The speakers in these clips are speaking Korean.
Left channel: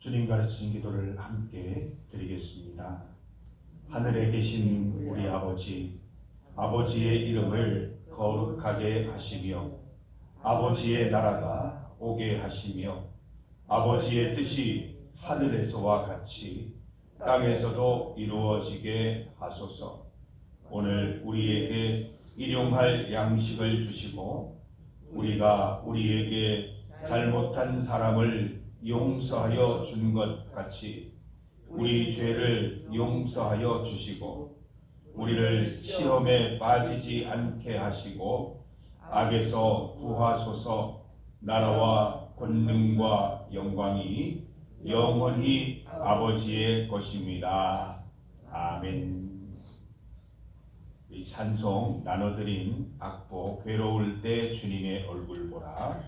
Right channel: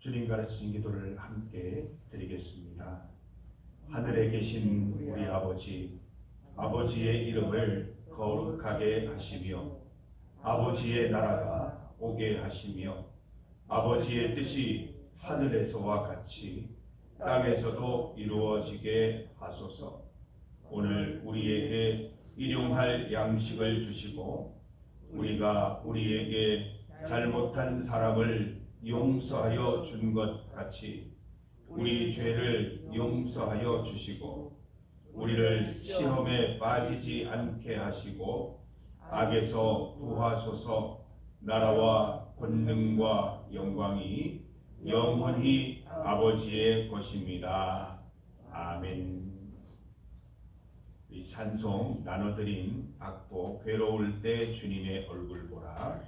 주님 가르치신 기도를 함께 드리겠습니다. 하늘에 계신 우리 아버지, 아버지의 이름을 거룩하게 하시며 아버지의 나라가 오게 하시며 아버지의 뜻이 하늘에서와 같이 땅에서도 이루어지게 하소서. 오늘 우리에게 일용할 양식을 주시고 우리가 우리에게 잘못한 사람을 용서하여 준 것 같이 우리 죄를 용서하여 주시고 우리를 시험에 빠지지 않게 하시고 악에서 구하소서. 나라와 권능과 영광이 영원히 아버지의 것입니다. 아멘. 이 찬송 나눠드린 악보 괴로울 때 주님의 얼굴 보라.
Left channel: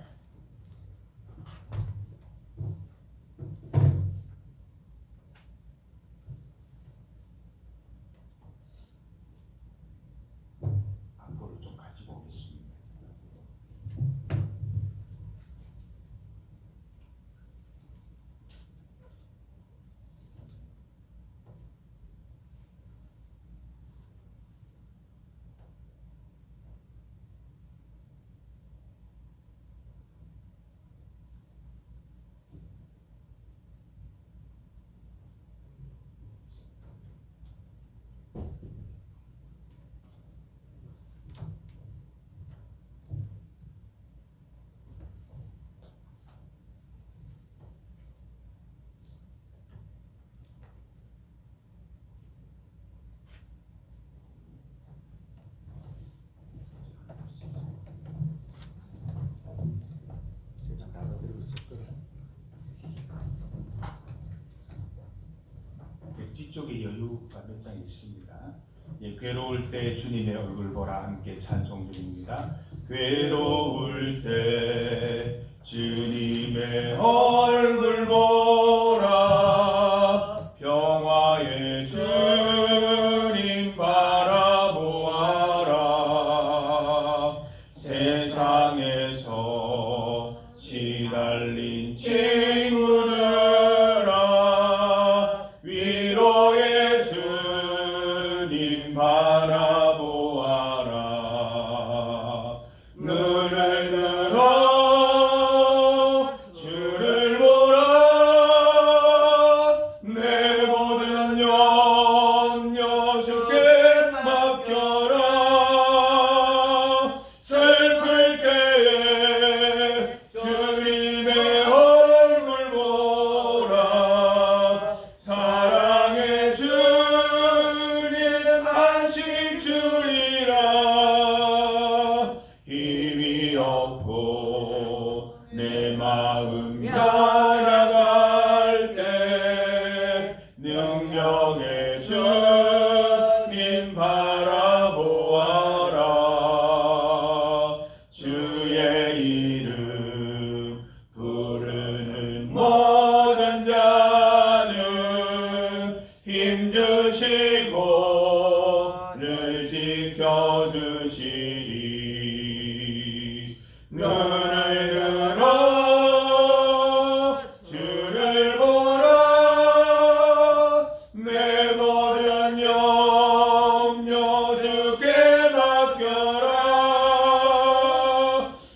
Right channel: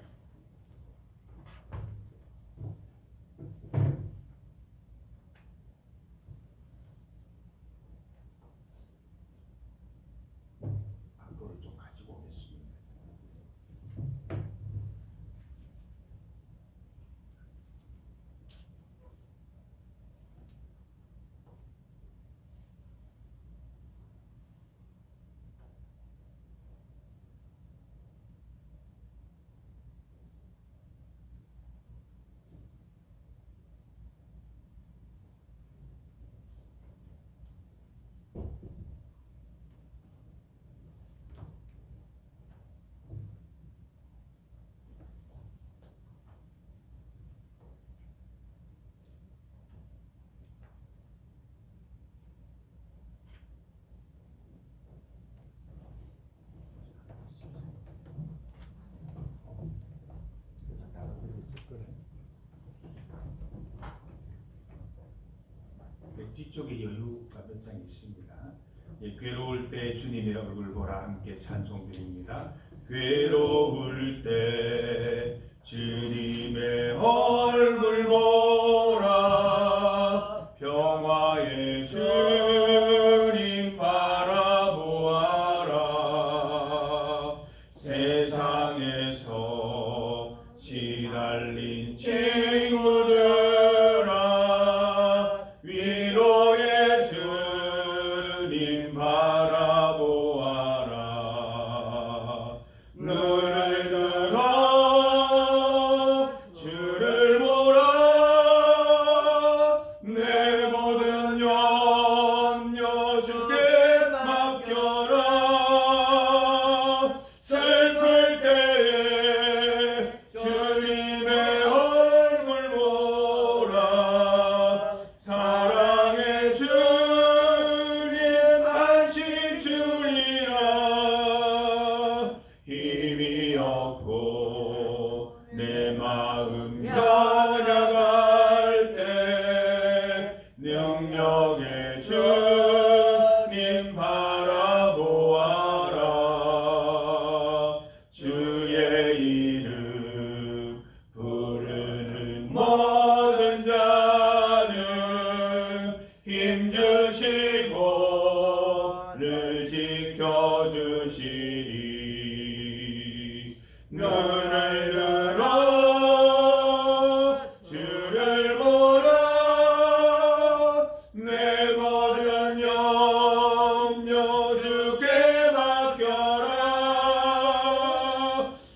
악보를 좀 가지고 오겠습니다. 뒤쪽에 여유가 몇 장 있습니다. 괴로울 때 주님의 얼굴 보라 함께 찬송 드립니다. 괴로울 때 주님의 얼굴 보라. 평화의 주님 바라보아라. 세상에서 시달린 친구들아 위로의 주님 바라보아라. 눈을 들어 주를 보라. 내 모든 염려 주께 맡겨라. 슬플 때 주님의 얼굴 보라. 사랑의 주님 안식 주리라. 힘이 없고 내 마음 변화갈 때 능력의 주님 바라보아라. 주의 이름 부르는 모든 자는 힘주시고 늘 지켜주시리. 눈을 들어 주를 보라. 내 모든 염려 주께 맡겨라.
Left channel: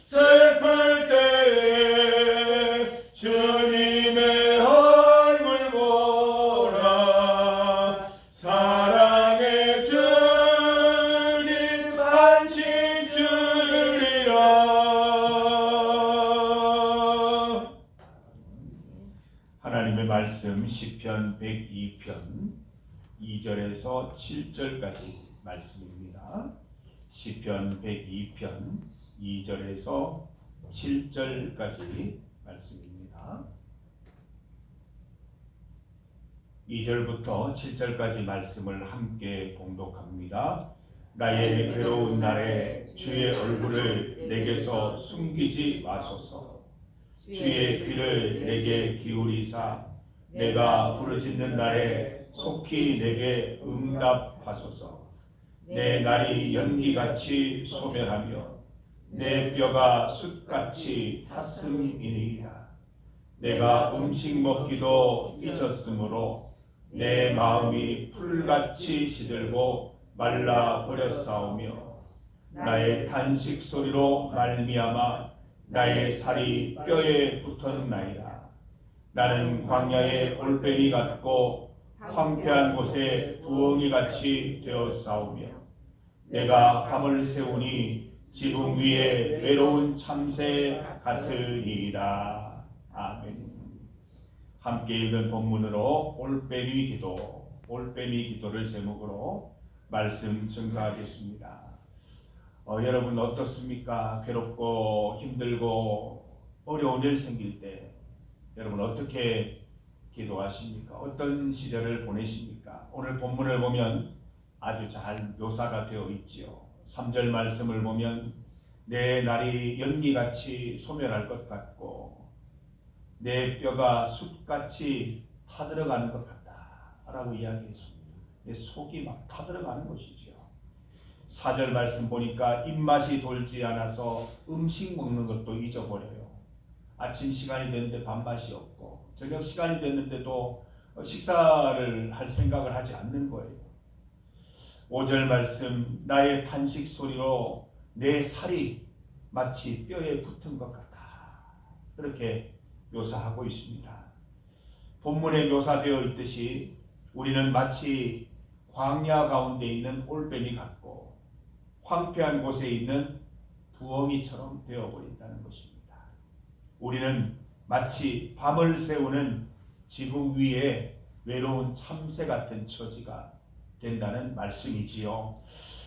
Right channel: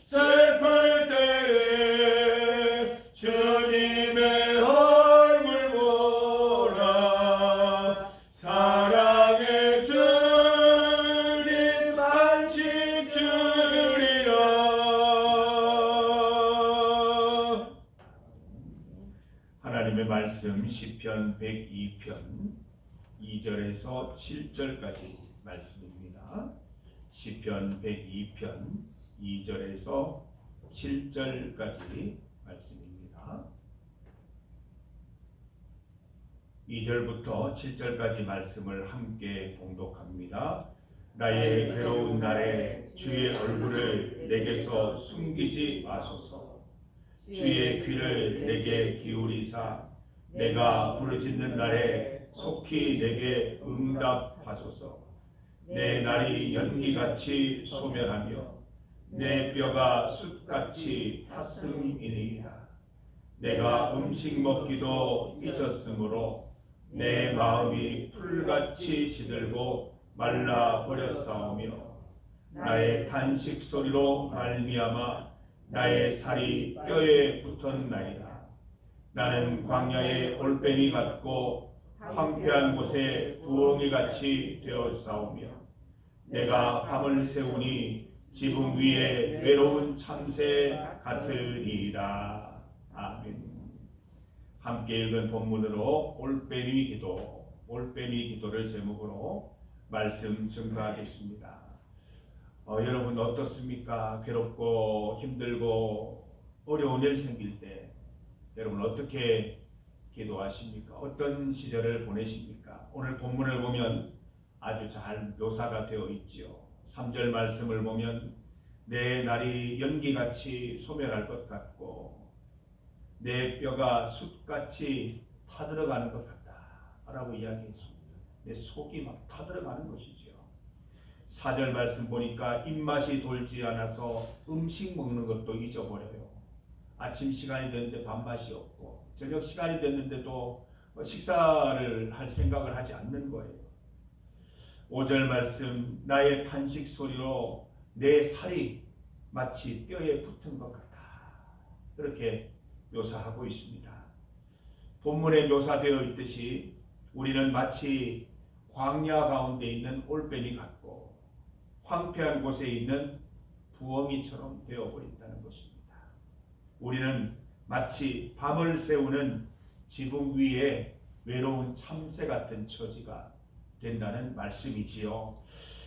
슬플 때 주님의 얼굴 보라. 사랑의 주님 안식 주리라. 하나님의 말씀 시편 102편 2절에서 7절까지 말씀입니다. 시편 102편 2절에서 7절까지 말씀입니다. 2절부터 7절까지 말씀을 함께 봉독합니다. 나의 괴로운 날에 주의 얼굴을 내게서 숨기지 마소서. 주의 귀를 내게 기울이사 내가 부르짖는 날에 속히 내게 응답하소서. 내 날이 연기같이 소멸하며 내 뼈가 숯같이 탔음이니이다. 내가 음식 먹기도 잊었으므로 내 마음이 풀같이 시들고 말라 버렸사오며 나의 탄식 소리로 말미암아 나의 살이 뼈에 붙었나이다. 나는 광야의 올빼미 같고 황폐한 곳에 부엉이 같이 되었사오며 내가 밤을 새우니 지붕 위에 외로운 참새 같으리이다. 아멘. 함께 읽은 본문으로 올빼미 기도를 제목으로 말씀 증거하겠습니다. 여러분 어떻습니까? 괴롭고 힘들고 어려운 일 생길 때 여러분 어떻게 기도하십니까? 어떤 시절을 보내십니까? 오늘 본문을 보면 아주 잘 묘사가 되어 있지요. 3절 말씀을 보면 내 날이 연기같이 소멸할 것 같고 내 뼈가 숯같이 타들어가는 것 같다 라고 이야기했습니다. 내 속이 막 타들어가는 것이죠. 4절 말씀 보니까 입맛이 돌지 않아서 음식 먹는 것도 잊어버려요. 아침 시간이 됐는데 밥맛이 없고 저녁 시간이 됐는데도 식사를 할 생각을 하지 않는 거예요. 5절 말씀 나의 탄식 소리로 내 살이 마치 뼈에 붙은 것 같다. 그렇게 묘사하고 있습니다. 본문에 묘사되어 있듯이 우리는 마치 광야 가운데 있는 올빼미 같고 황폐한 곳에 있는 부엉이처럼 되어버린다는 것입니다. 우리는 마치 밤을 새우는 지붕 위에 외로운 참새 같은 처지가 된다는 말씀이지요.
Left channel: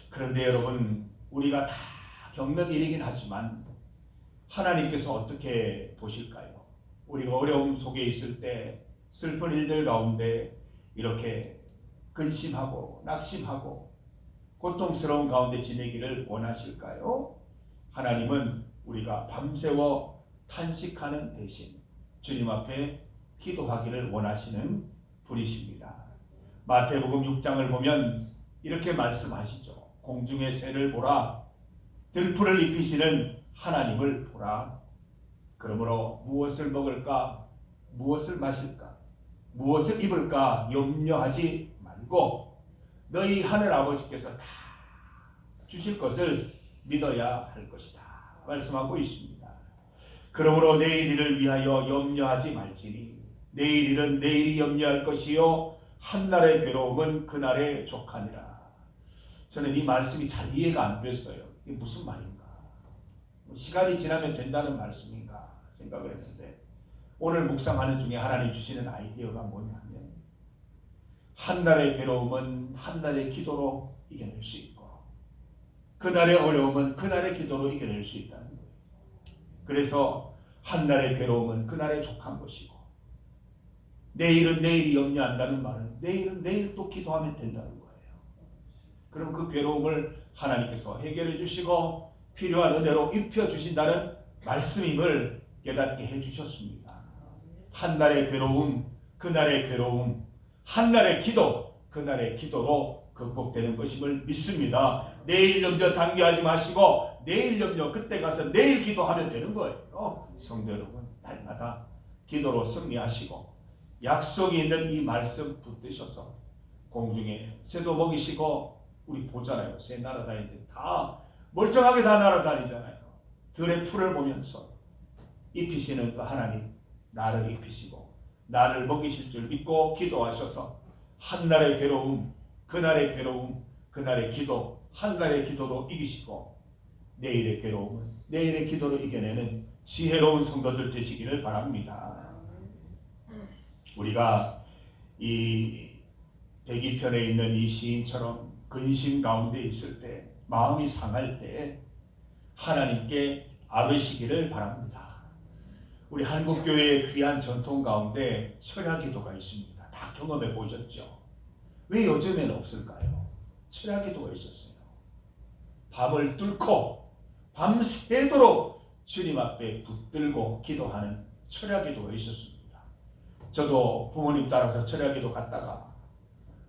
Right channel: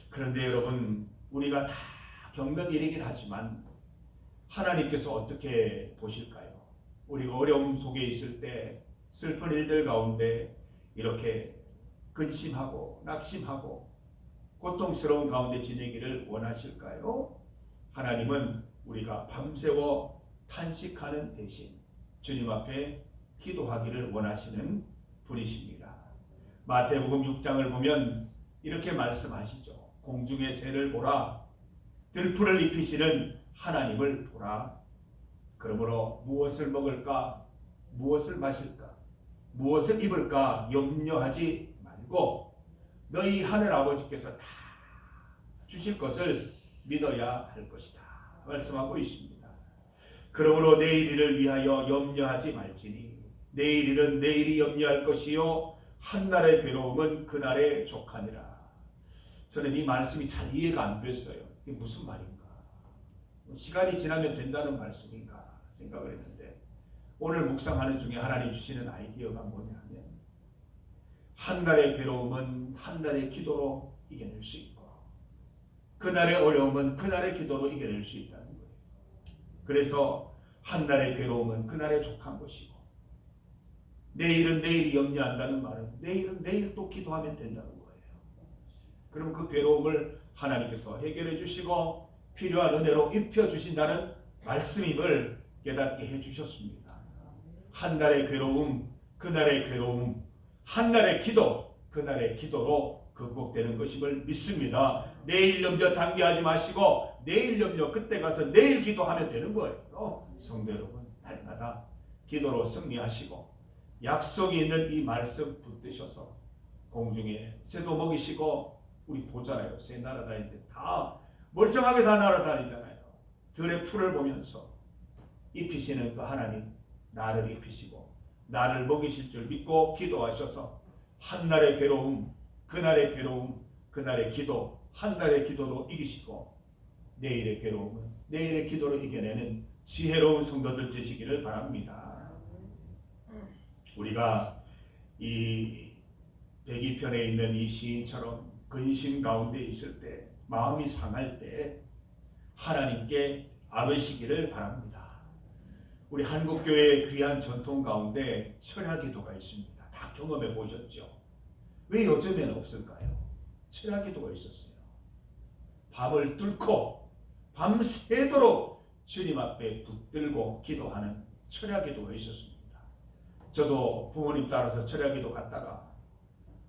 그런데 여러분 우리가 다 겪는 일이긴 하지만 하나님께서 어떻게 보실까요? 우리가 어려움 속에 있을 때 슬픈 일들 가운데 이렇게 근심하고 낙심하고 고통스러운 가운데 지내기를 원하실까요? 하나님은 우리가 밤새워 탄식하는 대신 주님 앞에 기도하기를 원하시는 분이십니다. 마태복음 6장을 보면 이렇게 말씀하시죠. 공중의 새를 보라, 들풀을 입히시는 하나님을 보라. 그러므로 무엇을 먹을까, 무엇을 마실까, 무엇을 입을까 염려하지 말고 너희 하늘 아버지께서 다 주실 것을 믿어야 할 것이다 말씀하고 있습니다. 그러므로 내일 일을 위하여 염려하지 말지니 내일 일은 내일이 염려할 것이요 한날의 괴로움은 그날의 족하니라. 저는 이 말씀이 잘 이해가 안 됐어요. 이게 무슨 말인가? 시간이 지나면 된다는 말씀인가 생각을 했는데 오늘 묵상하는 중에 하나님 주시는 아이디어가 뭐냐면 한날의 괴로움은 한날의 기도로 이겨낼 수 있고 그날의 어려움은 그날의 기도로 이겨낼 수 있다는 거예요. 그래서 한날의 괴로움은 그날의 족한 것이고 내일은 내일이 염려한다는 말은 내일은 내일 또 기도하면 된다는 거예요. 그럼 그 괴로움을 하나님께서 해결해 주시고 필요한 은혜로 입혀주신다는 말씀임을 깨닫게 해주셨습니다. 한날의 괴로움, 그날의 괴로움, 한날의 기도, 그날의 기도로 극복되는 것임을 믿습니다. 내일 염려 당겨하지 마시고 내일 염려 그때 가서 내일 기도하면 되는 거예요. 성도 여러분, 날마다 기도로 승리하시고 약속이 있는 이 말씀 붙드셔서 공중에 새도 먹이시고 우리 보잖아요. 새 날아다니는데 다 멀쩡하게 다 날아다니잖아요. 들의 풀을 보면서 입히시는 그 하나님 나를 입히시고 나를 먹이실 줄 믿고 기도하셔서 한날의 괴로움, 그날의 괴로움, 그날의 기도, 한날의 기도로 이기시고 내일의 괴로움은 내일의 기도로 이겨내는 지혜로운 성도들 되시기를 바랍니다. 우리가 이 102편에 있는 이 시인처럼 근심 가운데 있을 때 마음이 상할 때 하나님께 아뢰시기를 바랍니다. 우리 한국교회의 귀한 전통 가운데 철야기도가 있습니다. 다 경험해 보셨죠? 왜 요즘에는 없을까요? 철야기도가 있었어요. 밤을 뚫고 밤새도록 주님 앞에 붙들고 기도하는 철야기도가 있었습니다. 저도 부모님 따라서 철야기도 갔다가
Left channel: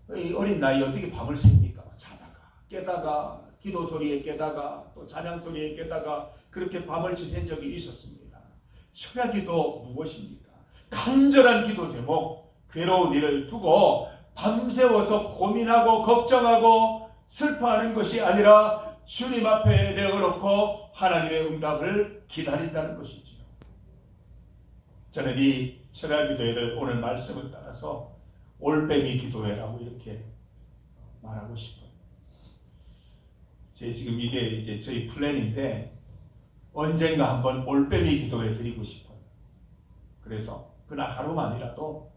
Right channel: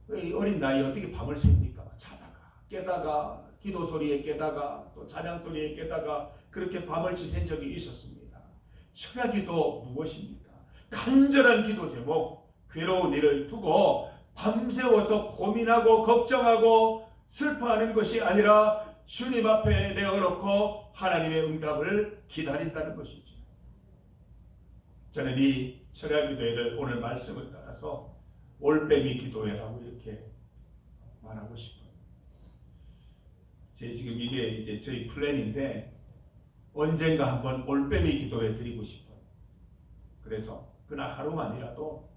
어린 나이에 어떻게 밤을 셉니까? 자다가 깨다가 기도 소리에 깨다가 또 찬양 소리에 깨다가 그렇게 밤을 지샌 적이 있었습니다. 철야기도 무엇입니까? 간절한 기도 제목, 괴로운 일을 두고 밤새워서 고민하고 걱정하고 슬퍼하는 것이 아니라 주님 앞에 내어놓고 하나님의 응답을 기다린다는 것이지요. 저는 이 철야 기도회를 오늘 말씀을 따라서 올빼미 기도회라고 이렇게 말하고 싶어요. 제 지금 이게 이제 저희 플랜인데 언젠가 한번 올빼미 기도회 드리고 싶어요. 그래서 그날 하루만이라도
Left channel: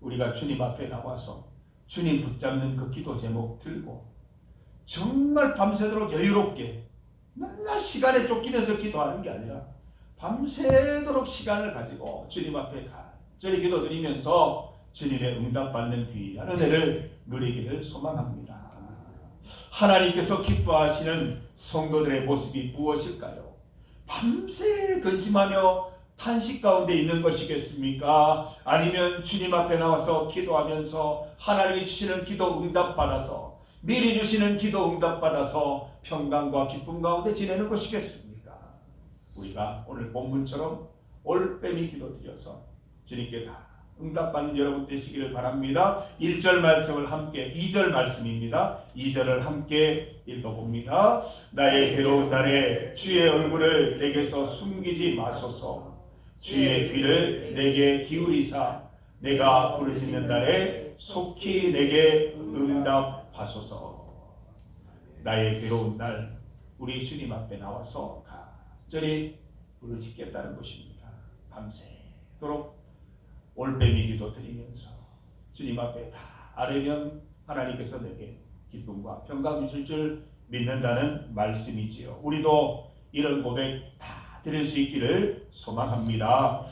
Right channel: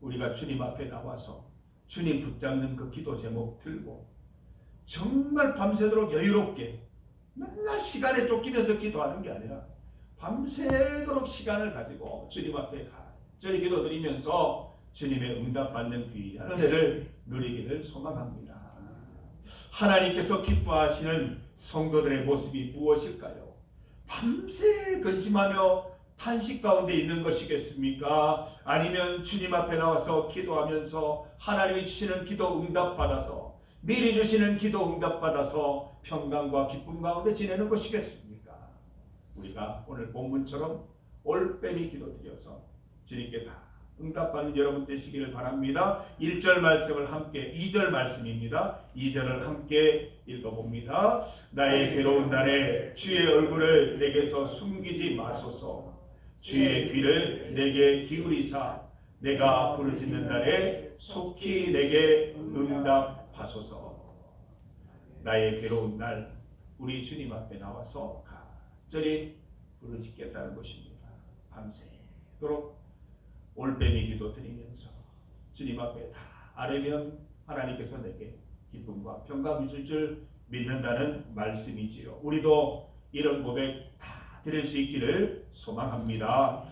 우리가 주님 앞에 나와서 주님 붙잡는 그 기도 제목 들고 정말 밤새도록 여유롭게 맨날 시간에 쫓기면서 기도하는 게 아니라 밤새도록 시간을 가지고 주님 앞에 간절히 기도드리면서 주님의 응답받는 귀한 은혜를 누리기를 소망합니다. 하나님께서 기뻐하시는 성도들의 모습이 무엇일까요? 밤새 근심하며 탄식 가운데 있는 것이겠습니까? 아니면 주님 앞에 나와서 기도하면서 하나님이 주시는 기도 응답 받아서 미리 주시는 기도 응답 받아서 평강과 기쁨 가운데 지내는 것이겠습니까? 우리가 오늘 본문처럼 올빼미 기도 드려서 주님께 다 응답받는 여러분 되시기를 바랍니다. 1절 말씀을 함께 2절 말씀입니다. 2절을 함께 읽어봅니다. 나의 괴로운 날에 주의 얼굴을 내게서 숨기지 마소서. 주의 귀를 내게 기울이사 내가 부르짖는 날에 속히 내게 응답하소서. 나의 괴로운 날 우리 주님 앞에 나와서 간절히 부르짖겠다는 것입니다. 밤새도록 올빼미 기도 드리면서 주님 앞에 다 아뢰면 하나님께서 내게 기쁨과 평강 주실 줄 믿는다는 말씀이지요. 우리도 이런 고백 다 드릴 수 있기를 소망합니다.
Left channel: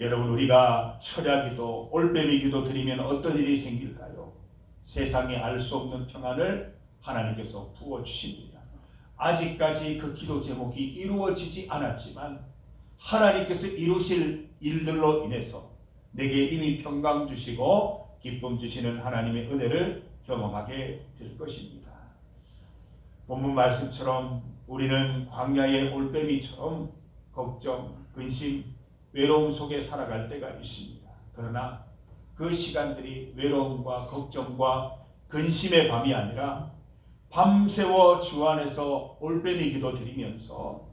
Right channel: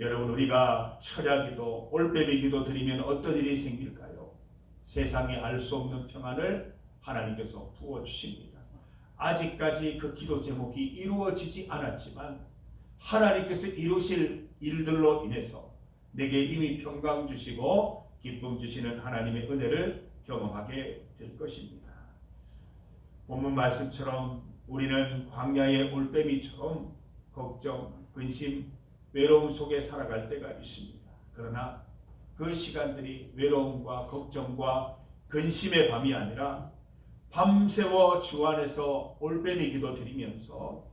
여러분, 우리가 철야 기도, 올빼미 기도 드리면 어떤 일이 생길까요? 세상에 알 수 없는 평안을 하나님께서 부어주십니다. 아직까지 그 기도 제목이 이루어지지 않았지만 하나님께서 이루실 일들로 인해서 내게 이미 평강 주시고 기쁨 주시는 하나님의 은혜를 경험하게 될 것입니다. 본문 말씀처럼 우리는 광야의 올빼미처럼 걱정, 근심, 외로움 속에 살아갈 때가 있습니다. 그러나 그 시간들이 외로움과 걱정과 근심의 밤이 아니라 밤새워 주 안에서 올빼미 기도 드리면서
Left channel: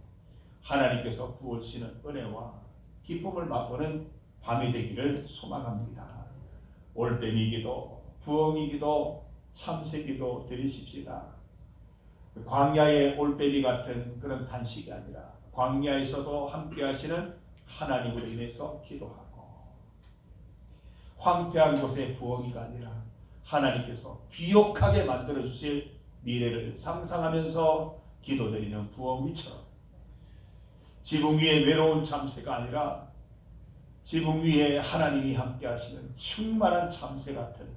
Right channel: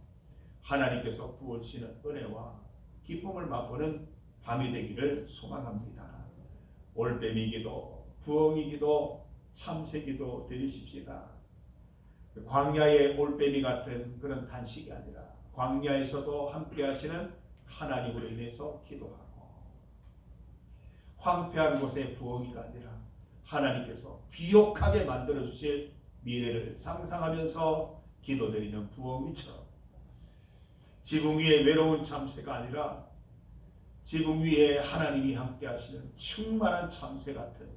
하나님께서 부어주시는 은혜와 기쁨을 맛보는 밤이 되기를 소망합니다. 올빼미 기도, 부엉이 기도, 참새 기도 드리십시다. 광야의 올빼미 같은 그런 단식이 아니라 광야에서도 함께 하시는 하나님으로 인해서 기도하고, 황폐한 곳의 부엉이가 아니라 하나님께서 비옥하게 만들어 주실 미래를 상상하면서 기도드리는 부엉이처럼, 지붕 위에 외로운 참새가 아니라 지붕 위에 하나님이 함께 하시는 충만한 참새 같은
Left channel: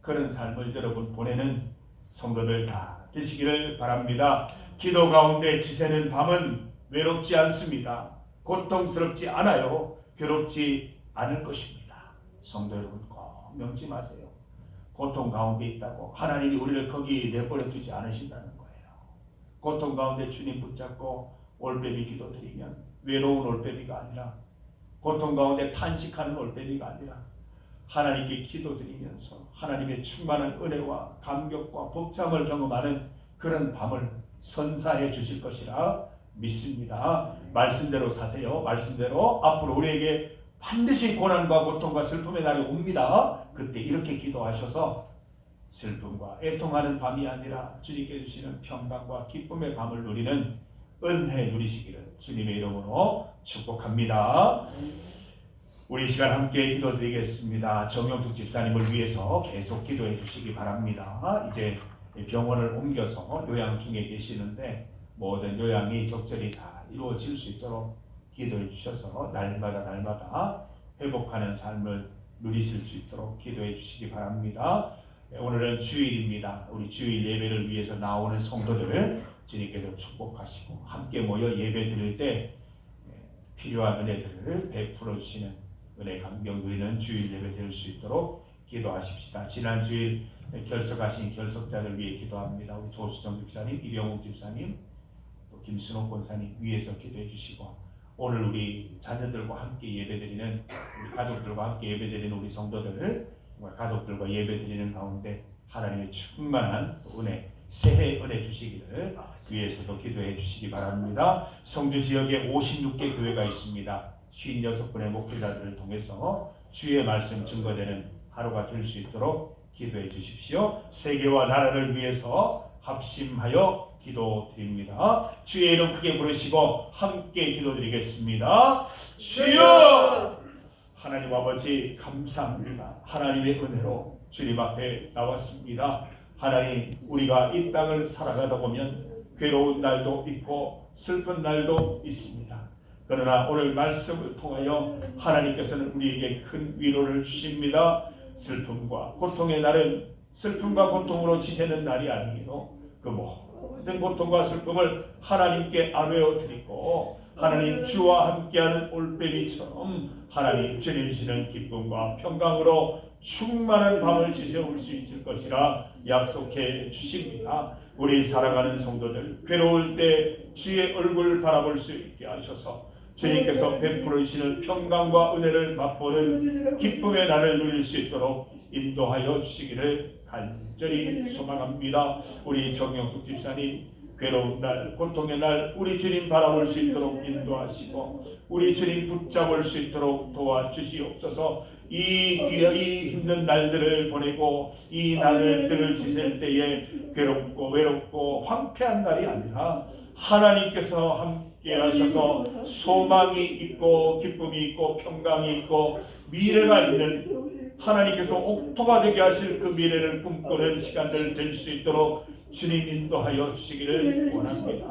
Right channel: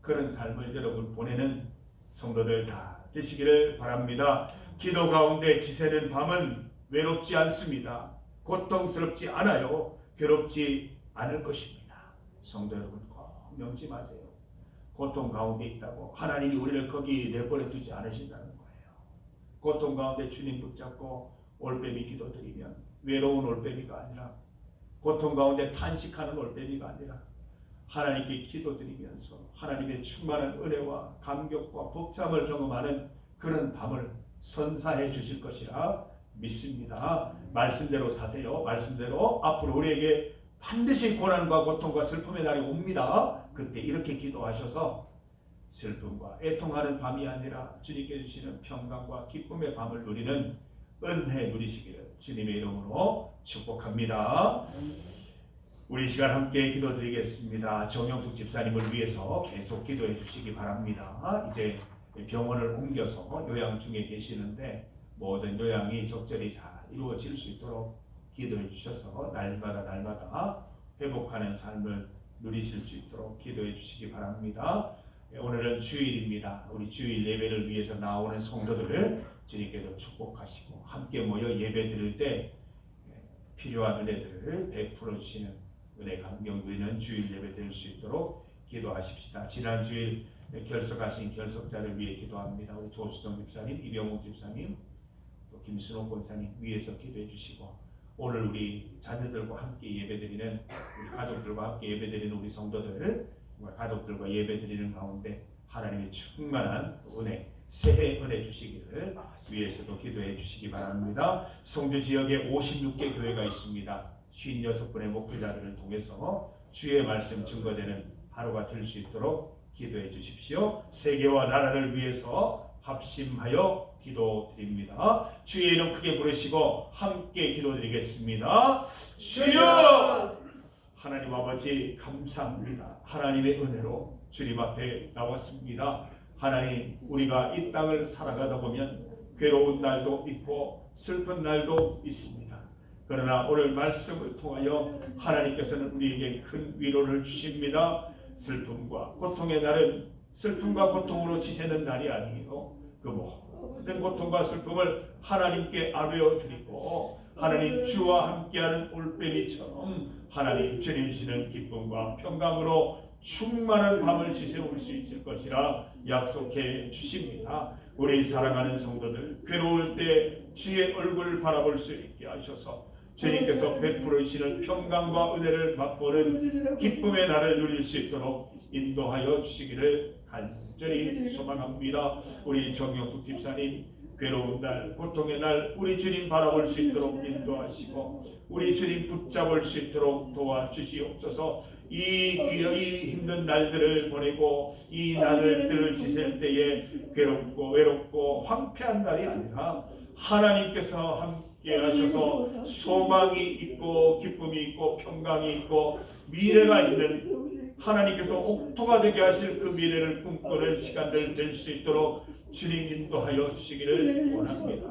그런 삶을 여러분 보내는 성도들 다 되시기를 바랍니다. 기도 가운데 지새는 밤은 외롭지 않습니다. 고통스럽지 않아요. 괴롭지 않을 것입니다. 성도 여러분 꼭 명심하세요. 고통 가운데 있다고 하나님이 우리를 거기 내버려 두지 않으신다는 거예요. 고통 가운데 주님 붙잡고 올빼미 기도 드리면 외로운 올빼미가 아니라, 고통 가운데 탄식하는 올빼미가 아니라 하나님께 기도드리면서 하나님의 충만한 은혜와 감격과 복참을 경험하는 그런 밤을 선사해 주실 것이라 믿습니다. 말씀대로 사세요. 말씀대로 앞으로 우리에게 반드시 고난과 고통과 슬픔의 날이 옵니다. 그때 이렇게 기도하셔서 슬픔과 애통하는 밤이 아니라 주님께 주시는 평강과 기쁨의 밤을 누리는 은혜 누리시기를 주님의 이름으로 축복합니다. 우리 시간 함께 기도드리겠습니다. 정영숙 집사님을 위해서 계속 기도해 주시기 바랍니다. 이제 병원을 옮겨서 요양 중에 계시는데 모든 요양이 적절히 잘 이루어질 수 있도록 기도해 주셔서 날마다 회복하는 삶을 누리실 수 있도록 기도해 주시기 바랍니다. 오늘은 주일입니다. 우리 주일 예배를 위해서 나오는 성도들을 주님께서 축복하시고 함께 모여 예배 드릴 때 필요한 은혜들을 베풀어 주시는 은혜 감격 누리는 주일 예배 될 수 있도록 기도하십시다. 지난 주일 결석하신 결석자들 위해 기도합니다. 우리 조수정 집사님, 이병욱 집사님, 또 김순옥 권사님 위해서 기도해 주시고, 오늘 우리 자녀들과 함께 예배드리는 우리 가족들과 함께 예배드리는 우리 성도들, 정말 가족들과 예배드리는 가운데 하나님의 충만한 은혜, 새해 은혜 주시기를 위해서도 기도해 주시기 바랍니다. 성주 지역에 56개 교회가 있습니다. 56분의 목회자들을 통해서 주의 말씀 증거되는 하루가 될 수 있도록 기도해 주십시오. 세계와 나라를 위해서 합심하여 기도드립니다. 주의 이름 크게 부르시고 함께 기도드리겠습니다. 주여! 하나님 아버지 감사합니다. 하나님의 은혜로 주님 앞에 나왔습니다. 하나님, 우리가 이 땅을 살아가다 보면 괴로운 날도 있고 슬픈 날도 있습니다. 그러나 오늘 말씀을 통하여 하나님께서는 우리에게 큰 위로를 주십니다. 슬픔과 고통의 날은 슬픔과 고통으로 지새는 날이 아니에요. 그 모든 고통과 슬픔을 하나님께 아뢰어 드리고 하나님 주와 함께하는 올빼미처럼 하나님 주님 주시는 기쁨과 평강으로 충만한 밤을 지새울 수 있을 것이라 약속해 주십니다. 우리 살아가는 성도들 괴로울 때 주의 얼굴 바라볼 수 있게 하셔서 주님께서 베풀어 주시는 평강과 은혜를 맛보는 기쁨의 날을 누릴 수 있도록 인도하여 주시기를 간절히 소망합니다. 우리 정영숙 집사님 괴로운 날, 고통의 날 우리 주님 바라볼 수 있도록 인도하시고 우리 주님 붙잡을 수 있도록 도와주시옵소서. 이 힘든 날들을 보내고 이 날들을 지낼 때에 괴롭고 외롭고 황폐한 날이 아니라 하나님께서 함께 하셔서 소망이 있고 기쁨이 있고 평강이 있고 미래가 있는 하나님께서 옥토가 되게 하실 그 미래를 꿈꾸는 시간들 될 수 있도록 주님 인도하여 주시기를 원합니다.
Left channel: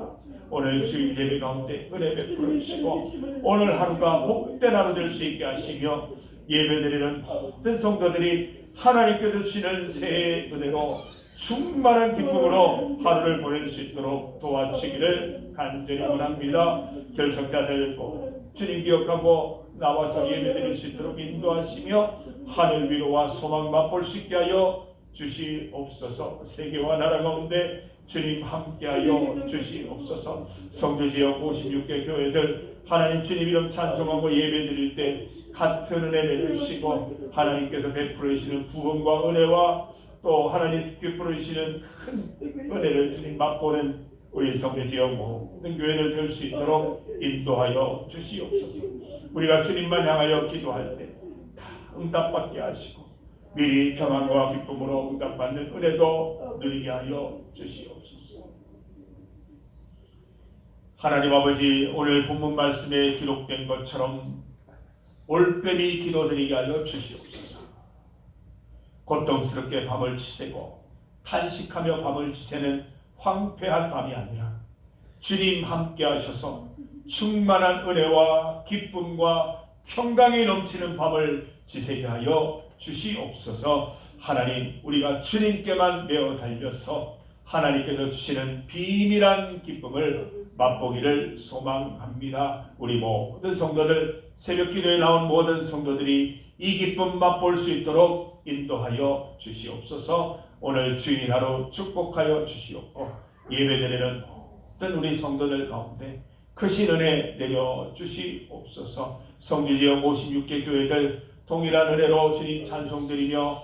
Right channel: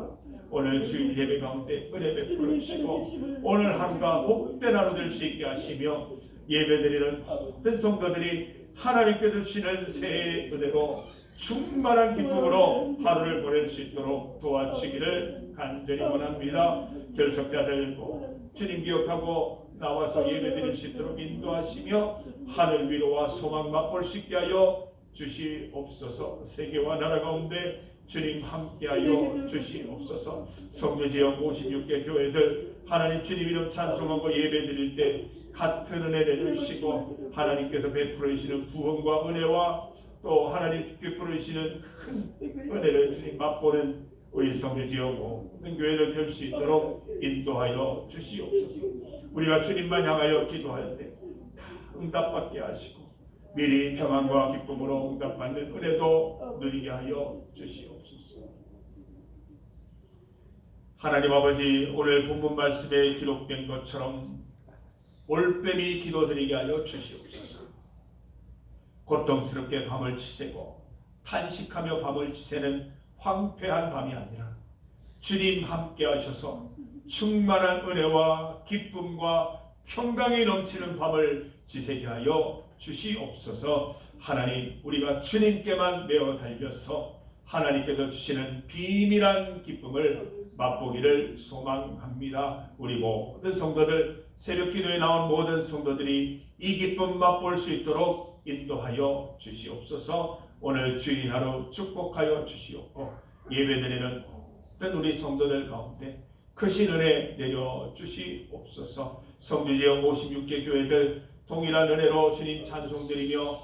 오늘 주일 예배 가운데 은혜 베풀어 주시고 오늘 하루가 복된 하루 될 수 있게 하시며 예배드리는 모든 성도들이 하나님께서 주시는 새해 은혜로 충만한 기쁨으로 하루를 보낼 수 있도록 도와주시기를 간절히 원합니다. 결석자들 주님 기억하고 나와서 예배드릴 수 있도록 인도하시며 하늘 위로와 소망 맛볼 수 있게 하여 주시옵소서. 세계와 나라 가운데 주님 함께하여 주시옵소서. 성주지역 56개 교회들 하나님 주님 이름 찬송하고 예배드릴 때 같은 은혜 내주시고 하나님께서 베풀어 주시는 구원과 은혜와 또 하나님 베풀어 주시는 큰 은혜를 주님 맛보는 우리 성주지역 모든 교회들 될 수 있도록 인도하여 주시옵소서. 우리가 주님만 향하여 기도할 때 다 응답받게 하시고 미리 평안과 기쁨으로 응답받는 은혜도 누리게 하여 주시옵소서. 하나님 아버지, 오늘 본문 말씀에 기록된 것처럼 올빼미 기도드리게 하여 주시옵소서. 고통스럽게 밤을 지새고 탄식하며 밤을 지새는 황폐한 밤이 아니라 주님 함께 하셔서 충만한 은혜와 기쁨과 평강이 넘치는 밤을 지새게 하여 주시옵소서. 하나님, 우리가 주님께만 매어 달려서 하나님께서 주시는 비밀한 기쁨을 맛보기를 소망합니다. 우리 모든 성도들, 새벽 기도에 나온 모든 성도들이 이 기쁨 맛볼 수 있도록 인도하여 주시옵소서. 오늘 주일 하루 축복하여 주시옵고 예배드리는 모든 우리 성도들 가운데 크신 은혜 내려 주시옵소서. 성주지역 56개 교회들 동일한 은혜로 주님 찬송드리며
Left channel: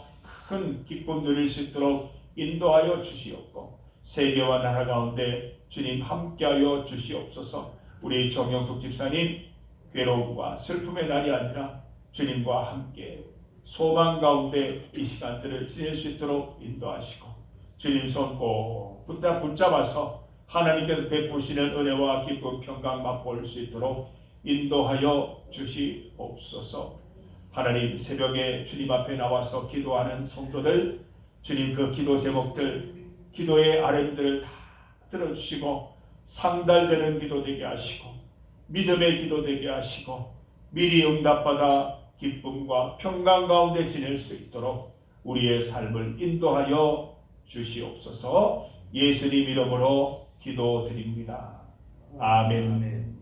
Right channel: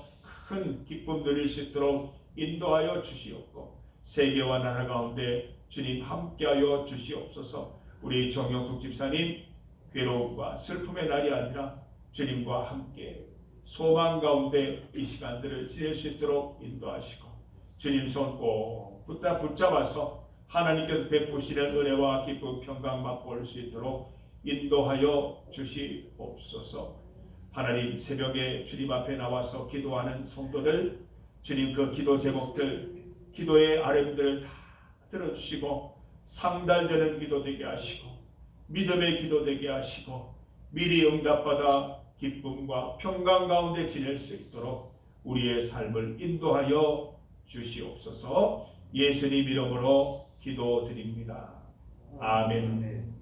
큰 기쁨 누릴 수 있도록 인도하여 주시옵고 세계와 나라 가운데 주님 함께하여 주시옵소서. 우리 정영숙 집사님 괴로움과 슬픔의 날이 아니라 주님과 함께 소망 가운데 이 시간들을 지낼 수 있도록 인도하시고 주님 손 꼭 붙잡아서 하나님께서 베푸시는 은혜와 기쁨 평강 맛볼 수 있도록 인도하여 주시옵소서. 하나님, 새벽에 주님 앞에 나와서 기도하는 성도들 주님 그 기도 제목들 기도의 아뢰들을 다 들어주시고 상달되는 기도 되게 하시고 믿음의 기도 되게 하시고 미리 응답받아 기쁨과 평강 가운데 지낼 수 있도록 우리의 삶을 인도하여 주시옵소서. 예수님 이름으로 기도드립니다. 아멘.